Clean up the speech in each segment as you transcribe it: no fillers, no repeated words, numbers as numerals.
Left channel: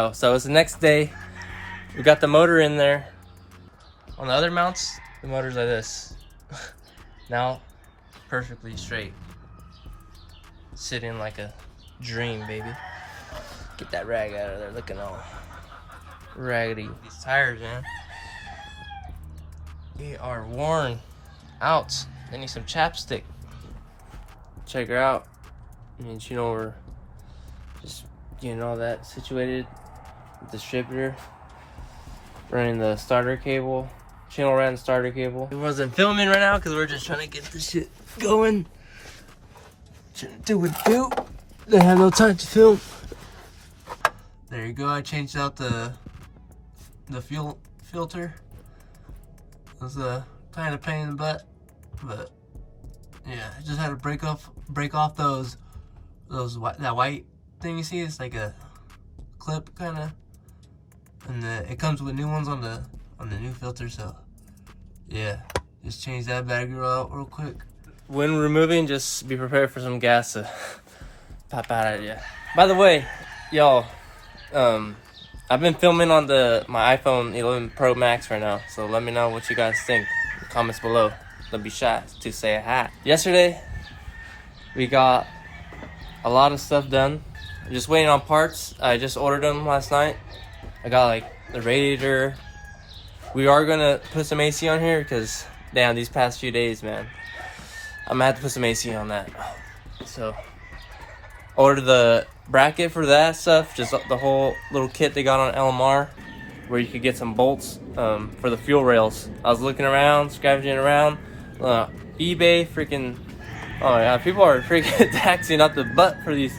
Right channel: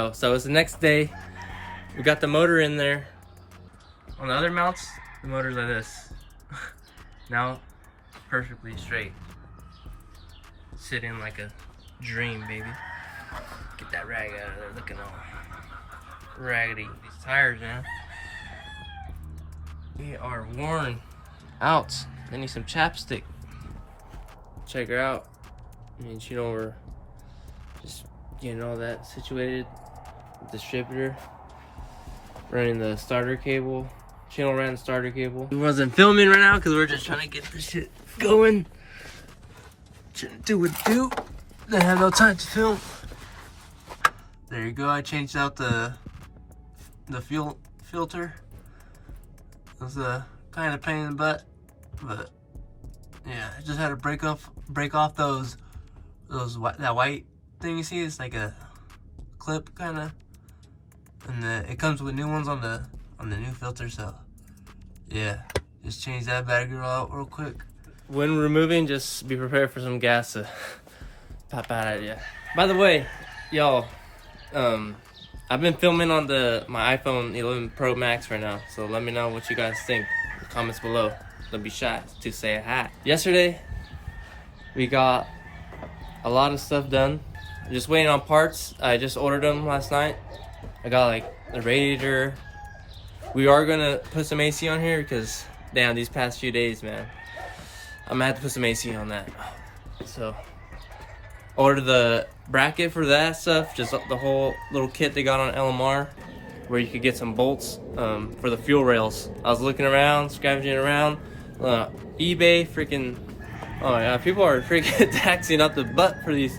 yo, so it's the next day. We got the motor in there. On the other mounts, the motor's like this. Now, perfectly straight. Sitting like a dream, baby. Get that rag out of there, looking all raggedy. These tires, man. They are worn out. They need some chapstick. Check her out. I mean, you know, we're just getting all that situated. Distributor. Running the starter cable. Channel ran starter cable. We wasn't filming right now because we're just trying to get this shit going. Do what do. They have no time to film. There you go. I changed out the fuel filter. It was a kind of pain in the butt, but yeah, I just had to break off that white thing you see. It's like a clip kind of, and it comes with new ones on the new filter. So yeah, just change that bad girl out real quick. When removing, just be prepared for some gas to pop out at you. By the way, y'all, I've been filming on my iPhone 11 Pro Max right now, so let me know what you guys think in the comments below. Don't be shy to say a hi. Yesterday, we got a lot of stuff done. I'm just waiting on parts. I just ordered them last night. I got like the radiator. We are gonna put some AC on here because damn, these past few days, man, I'm gonna have to put some AC on that. So ordered the bracket for that stuff, just the whole little kit they got on LMR where you could get some bolts for the fuel rails. I was looking around, scavenging around, eBay, freaking, oh my god, people are freaking taxing out the butt for these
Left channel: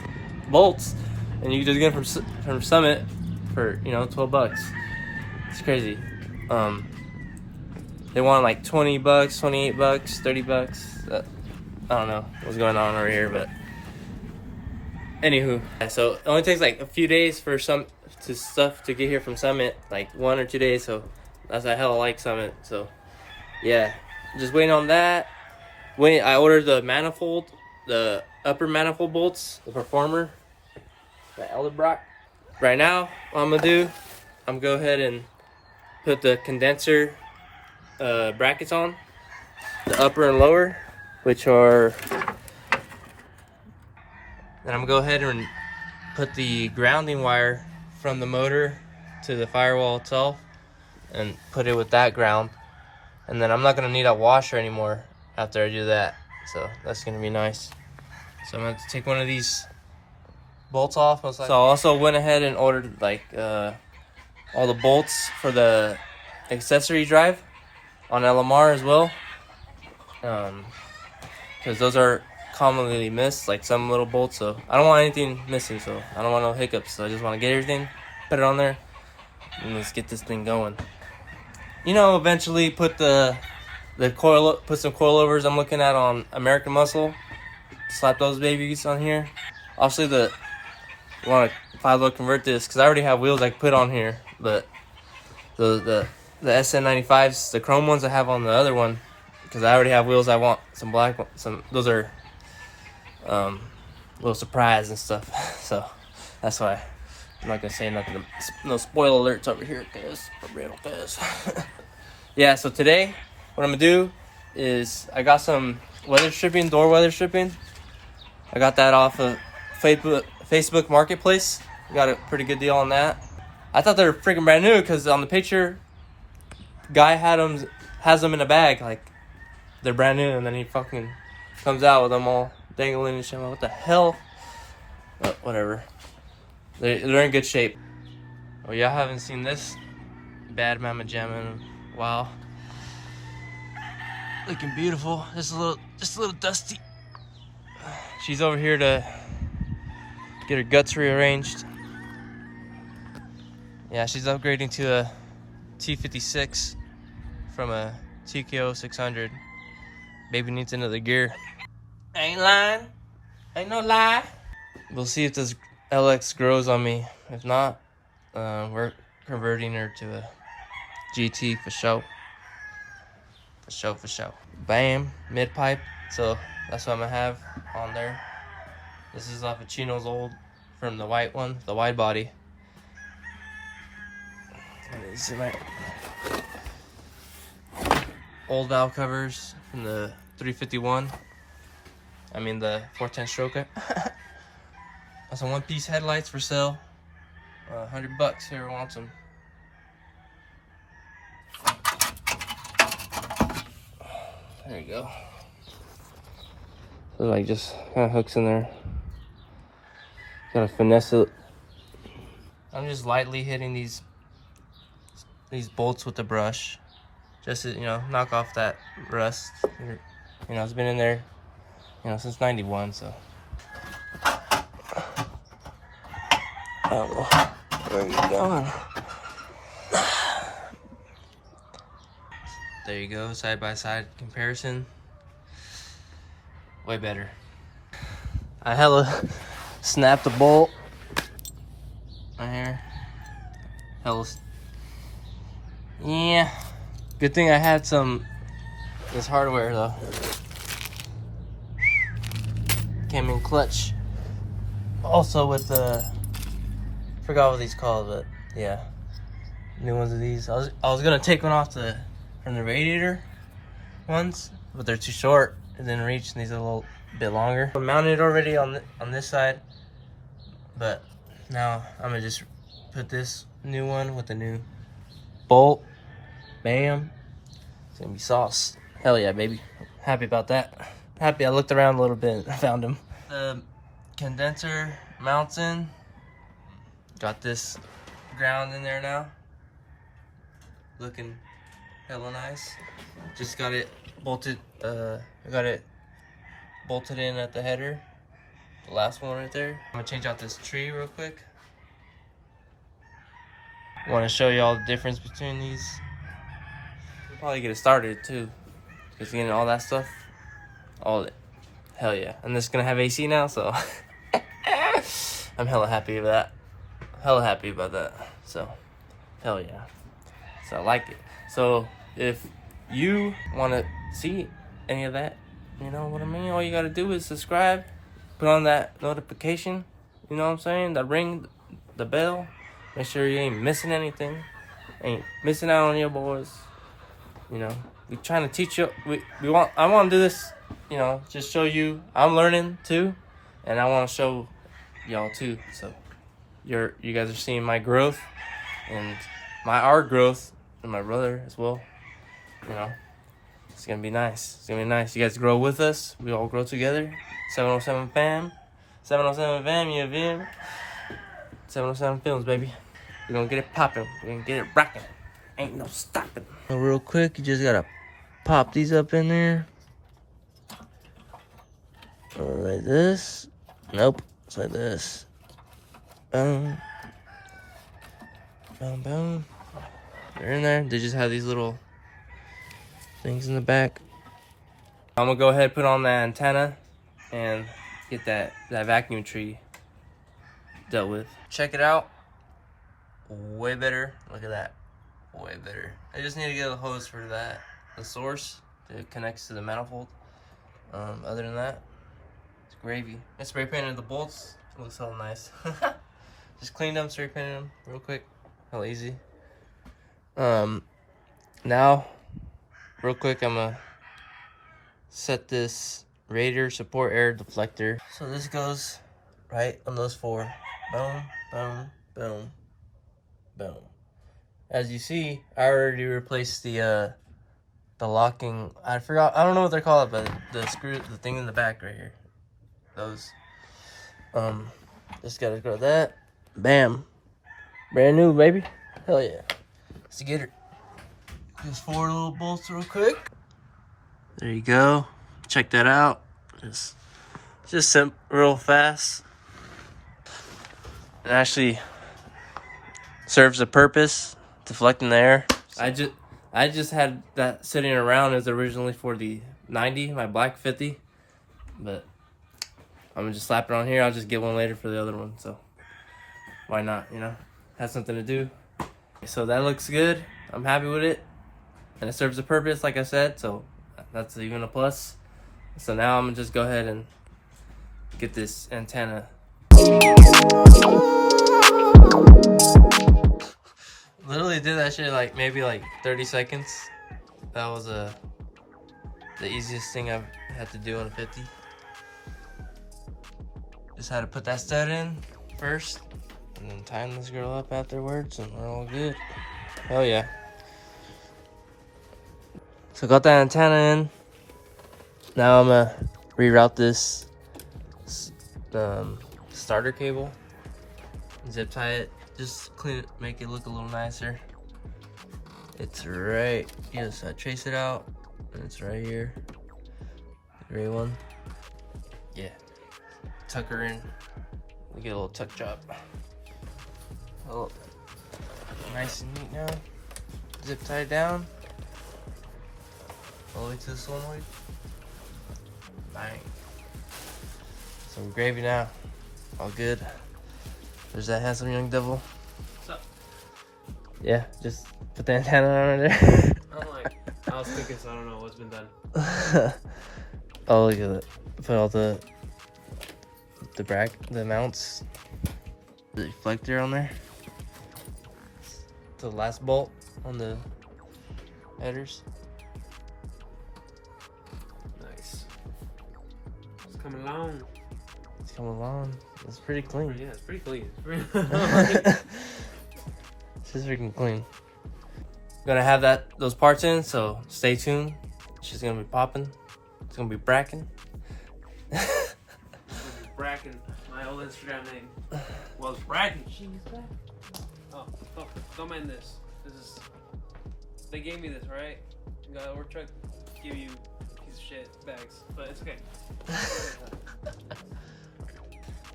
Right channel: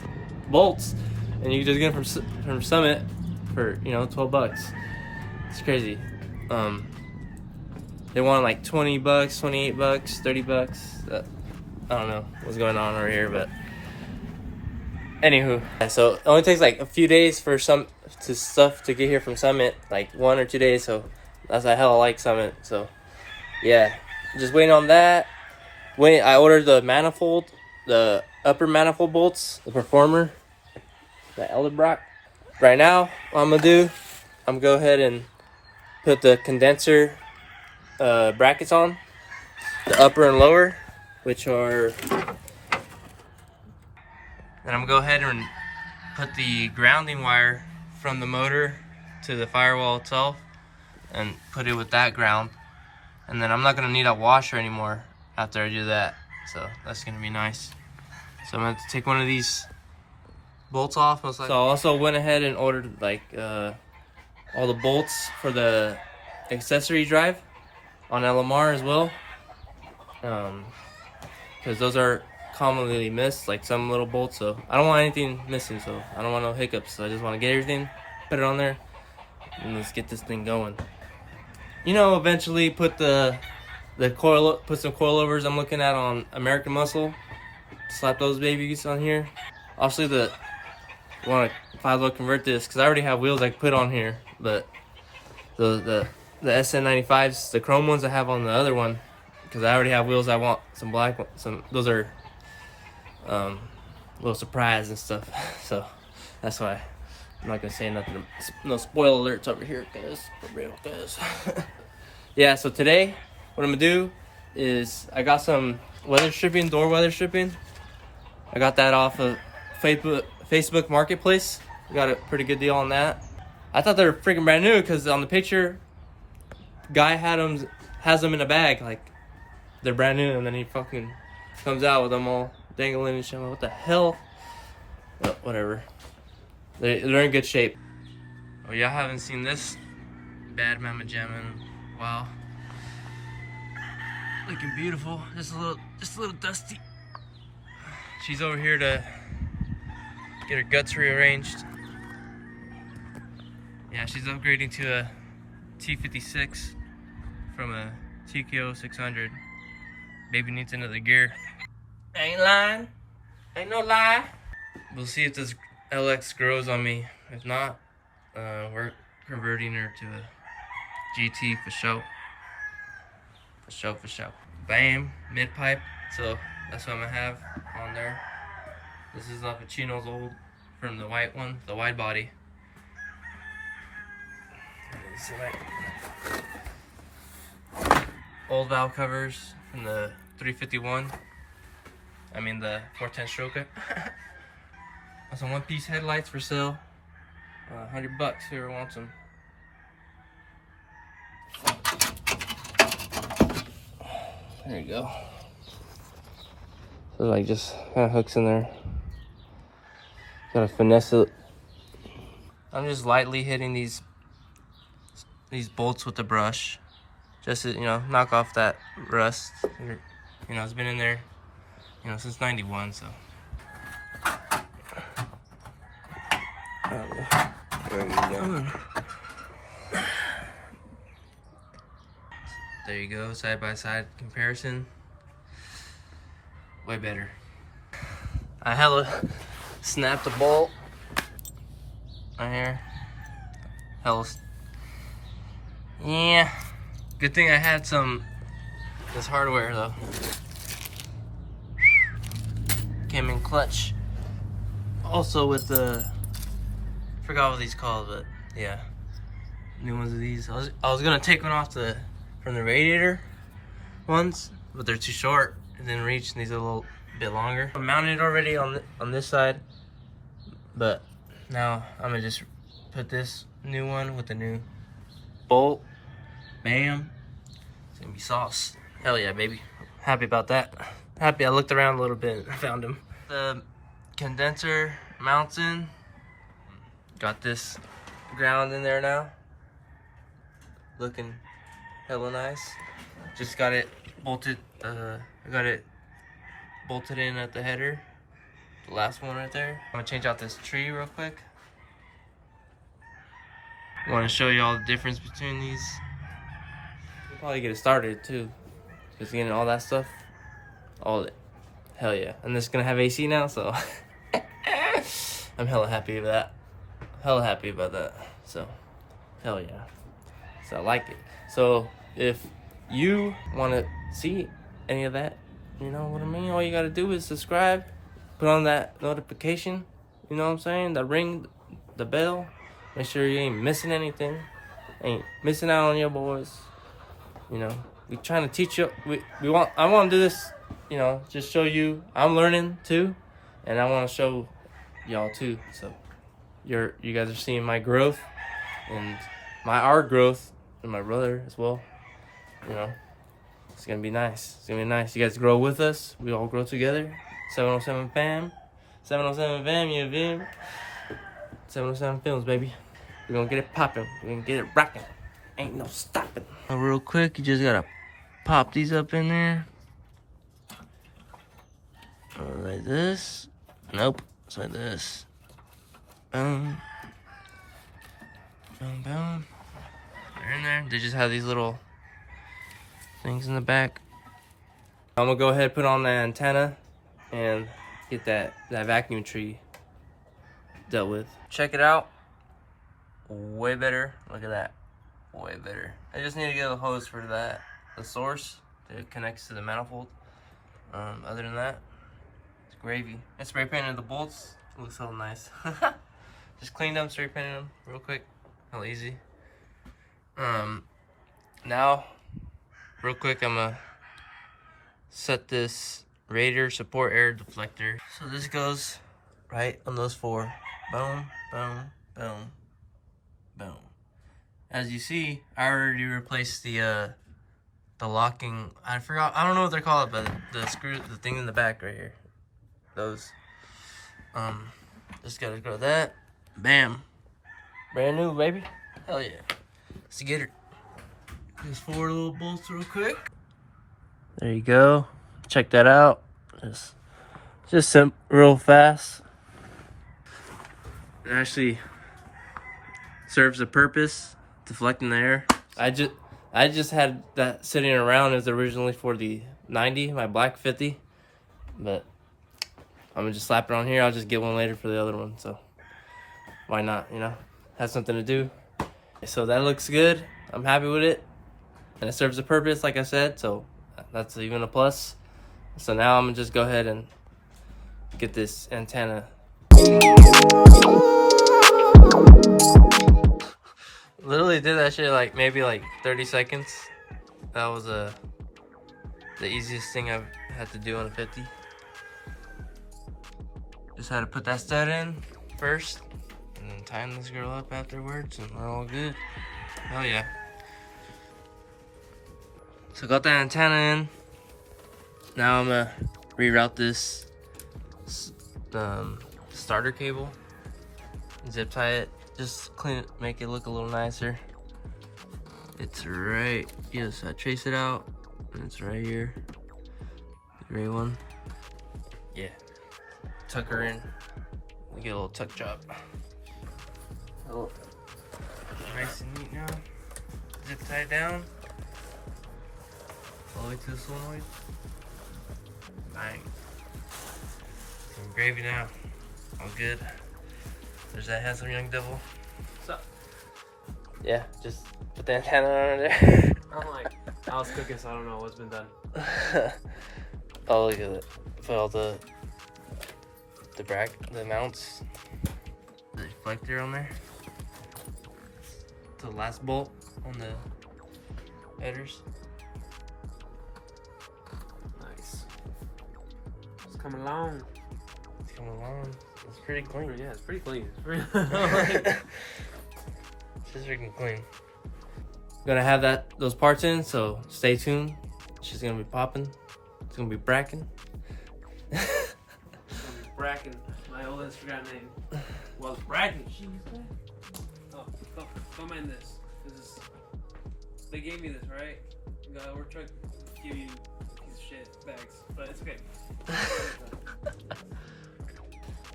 bolts, and you can just get them from Summit for, you know, 12 bucks. It's crazy. They want like 20 bucks, 28 bucks, 30 bucks. I don't know what's going on over here, but anywho, so it only takes like a few days for stuff to get here from Summit, like 1 or 2 days. So that's a hell I like Summit. So yeah, just waiting on that. I ordered the manifold, the upper manifold bolts, the Performer, the Edelbrock. Right now, what I'm gonna do, I'm gonna go ahead and put the condenser brackets on, the upper and lower, which are. Then I'm gonna go ahead and put the grounding wire from the motor to the firewall itself and put it with that ground. And then I'm not gonna need a washer anymore after I do that. So that's gonna be nice. So I'm gonna have to take one of these bolts off. So I also went ahead and ordered like all the bolts for the accessory drive on LMR as well. Because those are commonly missed, like some little bolts. So I don't want anything missing, so I don't want no hiccups. So I just want to get everything, put it on there, and let's get this thing going. You know, eventually put put some coilovers I'm looking at on American Muscle. Slap those babies on here. Obviously, I want to 5-load convert this because I already have wheels I can put on here, but the SN95s, the chrome ones I have on the other one, because I already have wheels. I want some black ones. Those are little surprise and stuff. So that's why I'm not gonna say nothing. No spoiler alerts over here, guys. For real, guys. Yeah. So today, what I'm gonna do is I got some door weather stripping. I got that off of Facebook Marketplace. Got a pretty good deal on that. I thought they were freaking brand new because on the picture, guy has them in a bag like they're brand new, and then he fucking comes out with them all dangling and shit. What the hell? But whatever. They're in good shape. Oh, y'all haven't seen this bad mama gem in a while. Looking beautiful. Just a little dusty. She's over here to get her guts rearranged. Yeah, she's upgrading to a T56 from a TKO 600. Baby needs another gear. Ain't lying. Ain't no lie. We'll see if this LX grows on me. If not, we're converting her to a GT for show. For show. Bam, mid pipe. So that's what I'm gonna have on there. This is off of Chino's old, from the white one, the wide body. This is my old valve covers from the 351. I mean the 410 Stroker. Some one-piece headlights for sale. $100 whoever wants them. There you go. So like just kind of hooks in there. Gotta finesse it. I'm just lightly hitting these bolts with the brush, just to, you know, knock off that rust. You know, it's been in there, you know, since '91. So. Oh, where are you going? There you go, side by side comparison. Way better. I hella snapped the bolt right here. Hella. Yeah. Good thing I had this hardware though. Came in clutch. Also with the, forgot what these called, but yeah, new ones of these. I was gonna take one off from the radiator ones, but they're too short. It didn't reach, and these are a little bit longer. I'm mounted already on this side, but now I'm gonna just put this new one with the new bolt. Bam, it's gonna be sauce. Hell yeah, baby. Happy about that. Happy I looked around a little bit and found them. The condenser mounts in. Got this ground in there now. Looking hella nice. Just got it bolted. I got it bolted in at the header. The last one right there. I'm gonna change out this tree real quick. I want to show you all the difference between these. We'll probably get it started too, because getting all that stuff, all it. Hell yeah! And this is gonna have AC now, so I'm hella happy with that. Hella happy about that. So, hell yeah. So I like it. So if you want to see any of that, you know what I mean? All you got to do is subscribe, put on that notification, you know what I'm saying? The ring, the bell. Make sure you ain't missing anything. Ain't missing out on your boys. You know, we trying to teach you. I want to do this, you know, just show you. I'm learning too, and I want to show y'all too. So you guys are seeing my growth and our growth, and my brother as well. You know, it's gonna be nice. It's gonna be nice. You guys grow with us. We all grow together. 707 fam. 707 fam, you feel? 707 films, baby. We're gonna get it popping. We're gonna get it rocking. Ain't no stopping. Real quick, you just gotta pop these up in there. Like this. Nope. It's like this. Boom. Boom, boom. They're in there. They just have these little things in the back. I'm gonna go ahead and put on the antenna and get that vacuum tree dealt with. Check it out. Way better. Look at that. Way better. I just need to get a hose for that. The source that connects to the manifold. Other than that, it's gravy. I spray painted the bolts. Looks all nice. Just cleaned them, spray painted them real quick. Real easy. Now, real quick, I'm gonna set this radiator support air deflector. So this goes right on those four. Boom, boom, boom, boom. As you see, I already replaced the locking. I forgot. I don't know what they're called, but the thing in the back right here. Those. Just gotta go that. Bam. Brand new, baby. Hell yeah. Let's get it. These four little bolts real quick. There you go. Check that out. It's just real fast. It actually serves a purpose, deflecting the air. I just had that sitting around. It was originally for the 90, my black 50, but I'm gonna just slap it on here. I'll just get one later for the other one, so why not, you know? Has something to do. So that looks good. I'm happy with it, and it serves a purpose, like I said, so that's even a plus. So now I'm gonna just go ahead and get this antenna. Literally did that shit like maybe like 30 seconds. That was the easiest thing I've had to do on a 50. Just had to put that stud in first and then tighten this girl up afterwards and we're all good. Hell yeah. So got that antenna in. Now I'm gonna reroute this starter cable. Zip tie it. Just clean it, make it look a little nicer. It's right, yes, I trace it out, and it's right here. The gray one. Yeah. Tuck her in. We get a little tuck job. Oh, nice and neat now. Zip tie it down. All the way to the solenoid. Bang. Some gravy now. All good. There's that handsome young devil. What's up? Yeah, just put the antenna on there. I'm like, I was cooking, so I don't know what's been done. Oh, look at it. Put all the mounts, the reflector on there. The last bolt on the headers. Nice. It's coming along. It's coming along. It's pretty clean. Yeah, it's pretty clean. It's just freaking clean. Gonna have those parts in, so stay tuned. She's gonna be popping. It's gonna be bracking. Bracken, my old Instagram name was Bracken. Oh, don't mind this. They gave me this, right? We're trying to give you piece of shit bags, but it's okay.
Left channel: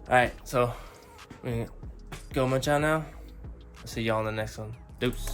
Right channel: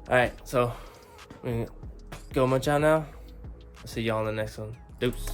Alright, so we're gonna go munch out now. I'll see y'all on the next one. Deuce.